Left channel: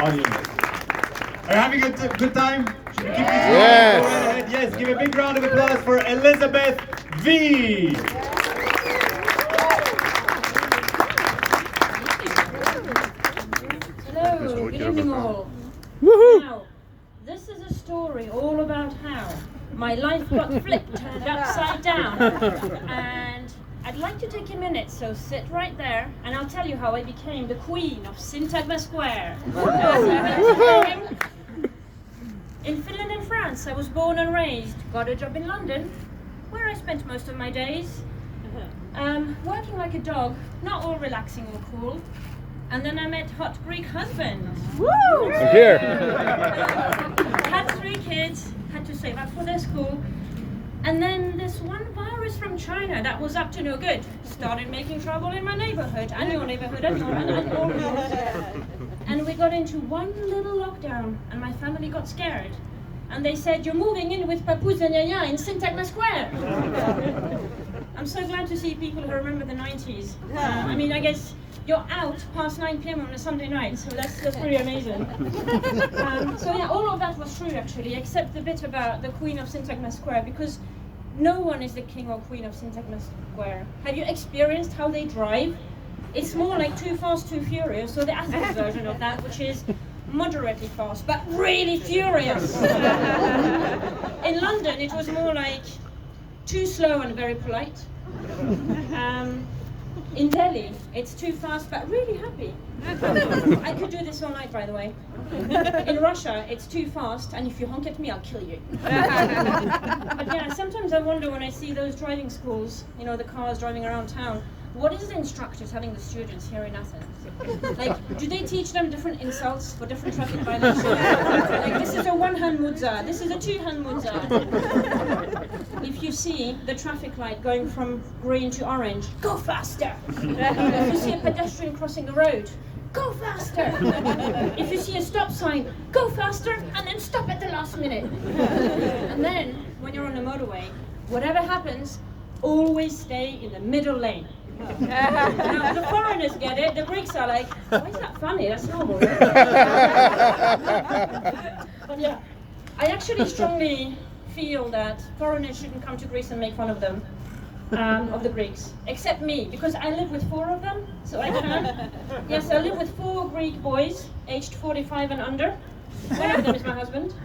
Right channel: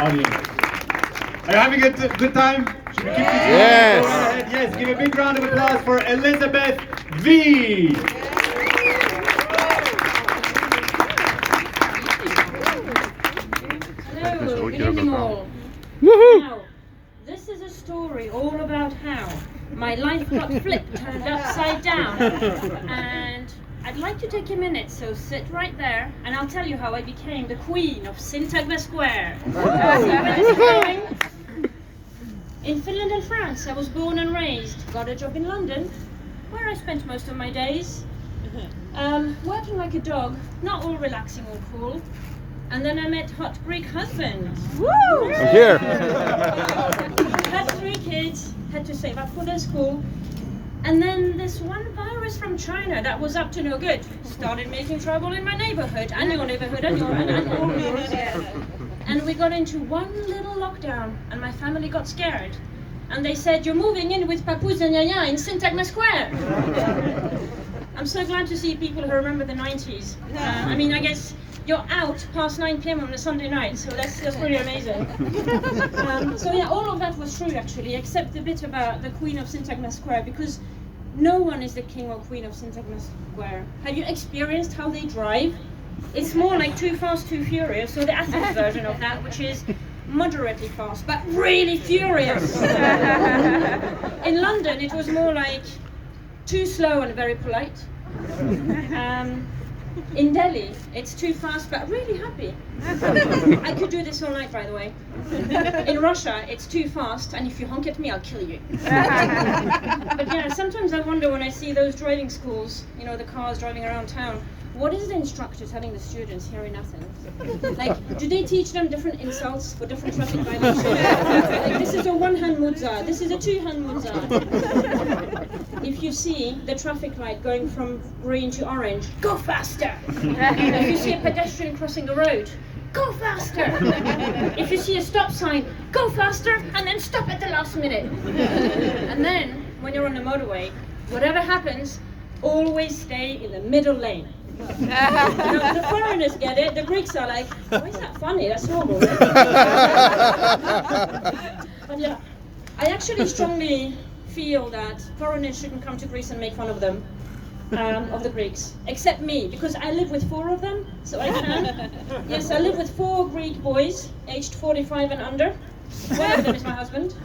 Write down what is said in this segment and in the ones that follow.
audience. Are you having a good time? Should we keep this going? Yes. Go right ahead. Yes, give a big round of applause for ElisabethV. Hello, good evening all. Woohoo! Now, this is a story all about how my life got flipped, turned upside down, and I'd like to take a minute, so sit right there, and I'll tell you how I became the queen of Syntagma Square. See where this is going? In Finland and France, I was born and raised, got a job in London, where I spent most of my days, working like a dog, not all relaxing or cool. And then I met hot Greek husband. Woo! I'm here. Had 3 kids, had to save up for their school. And then this one virus from China that was up to no good started making trouble in my neighborhood, and your neighborhood, and all yours. And we got into one little lockdown, and my family got scared. And they said, "You're moving in with Papoose and Yaya in Syntagma Square." I'm so glad to see people who remember the 90s. I mean, I guess you're out past 9 p.m. on a Sunday night, so that's pretty amazing. So yeah, all of that was true actually, except the bit about the Queen of Syntagma Square, because no one is the king or queen of Syntagma Square. Have you experienced how they drive? It's more like Too Fast, Too Furious, or the Athens version of that, which is moderately fast, but really furious. In London, it was more like too slow and very polite. In Delhi, it's too fast but really happy. I could do this all night, by the way. In Russia, it's too fast, and if you honk at me, I'll kill you. But yeah, sometimes I wonder when I see those driving schools, you know, the cars driving around town, what is the instructor telling the students here in Athens? Like, do they teach them different insults for different traffic violations? Like, this is a one-hand mudza, this is a two-hand mudza. If you see the traffic light going from green to orange, go faster. If you see a pedestrian crossing the road, go faster. If you see a stop sign, go faster and then stop at the last minute. And then, when you're on the motorway, whatever happens, always stay in the middle lane. Now, the foreigners get it, the Greeks are like, why is that funny? That's normal. But yeah, I actually strongly feel that foreigners shouldn't come to Greece and make fun of them, of the Greeks, except me, because I live with 4 of them, so I can. Yes, I live with 4 Greek boys, aged 45 and under. One of them is my husband.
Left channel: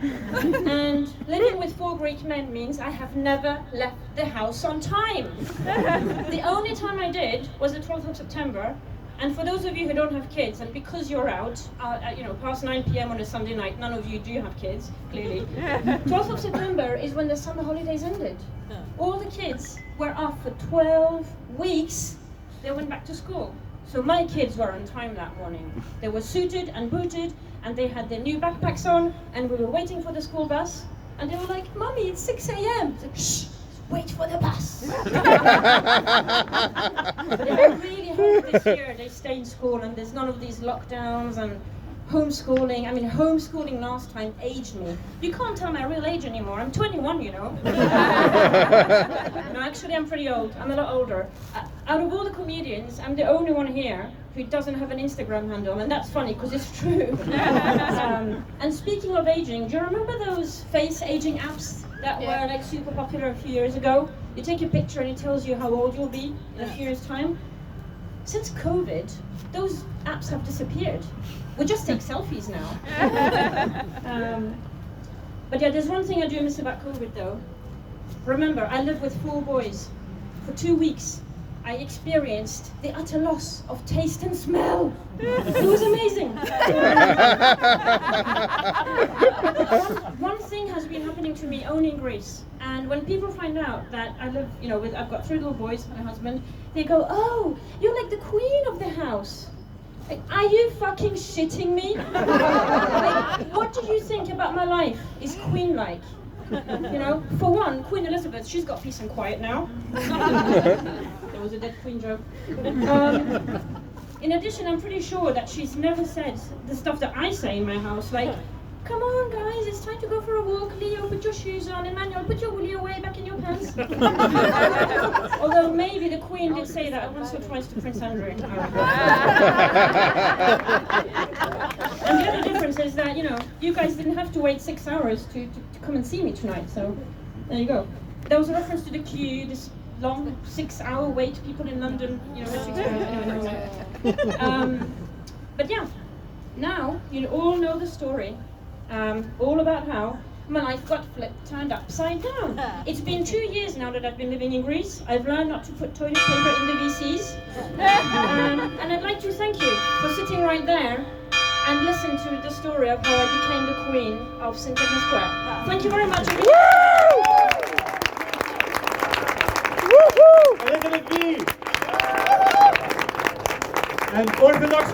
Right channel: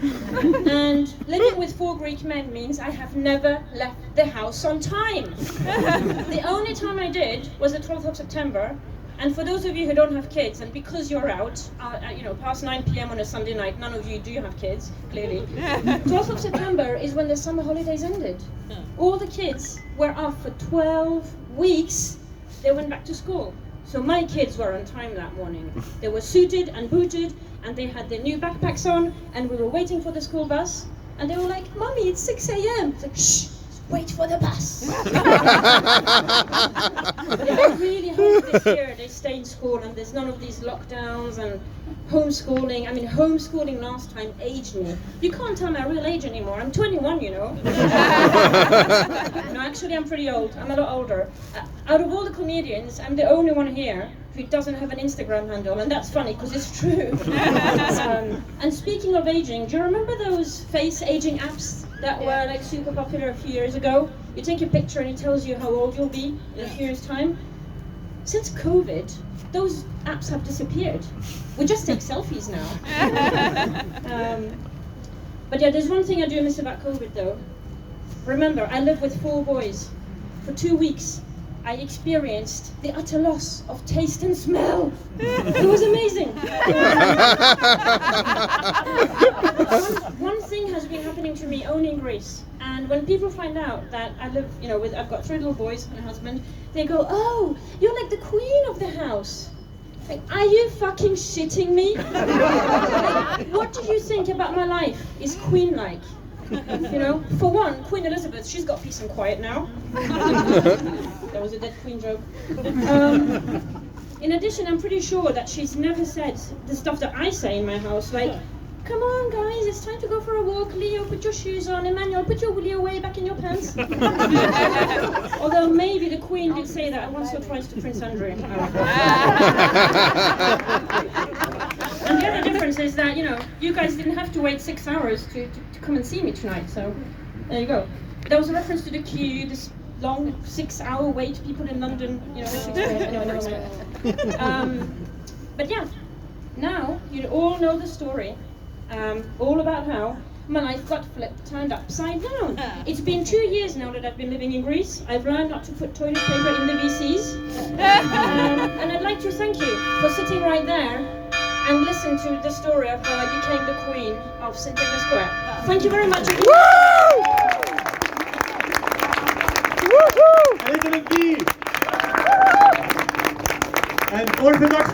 And living with 4 Greek men means I have never left the house on time. The only time I did was the 12th of September. And for those of you who don't have kids, and because you're out, you know, past 9 p.m. on a Sunday night, none of you do have kids, clearly. 12th of September is when the summer holidays ended. All the kids were off for 12 weeks. They went back to school. So my kids were on time that morning. They were suited and booted, and they had their new backpacks on, and we were waiting for the school bus. And they were like, "Mommy, it's 6 a.m. It's like, shh, wait for the bus. I really hope this year they stay in school and there's none of these lockdowns and homeschooling. I mean, homeschooling last time aged me. You can't tell my real age anymore. I'm 21, you know. No, actually, I'm pretty old. I'm a lot older. Out of all the comedians, I'm the only one here who doesn't have an Instagram handle, and that's funny because it's true. And speaking of aging, do you remember those face aging apps that were like super popular a few years ago? You take a picture and it tells you how old you'll be in a few years' time. Since COVID, those apps have disappeared. We just take selfies now. But yeah, there's one thing I do miss about COVID though. Remember, I lived with 4 boys. For 2 weeks, I experienced the utter loss of taste and smell. It was amazing. One thing has been happening to me only in Greece. And when people find out that I live, you know, I've got 3 little boys and a husband, they go, "Oh, you're like the queen of the house." Like, are you fucking shitting me? Like, what do you think about my life is queen-like? You know, for one, Queen Elizabeth, she's got peace and quiet now. There was a dead queen joke. In addition, I'm pretty sure that she's never said the stuff that I say in my house, like, "Come on guys, it's time to go for a walk. Leo, put your shoes on. Emmanuel, put your willy away back in your pants." Although maybe the Queen did say that once or twice to Prince Andrew. And the guys didn't have to wait 6 hours to come and see me tonight. So there you go. There was a reference to the queue, this long 6-hour wait, people in London, anyway, never mind. But yeah, now you all know the story, all about how my life got turned upside down. It's been 2 years now that I've been living in Greece. I've learned not to put toilet paper in the VCs. And I'd like to thank you for sitting right there and listen to the story of how I became the queen of St. Stephen's Square. Thank you very much. ElisabethV! And Orthodox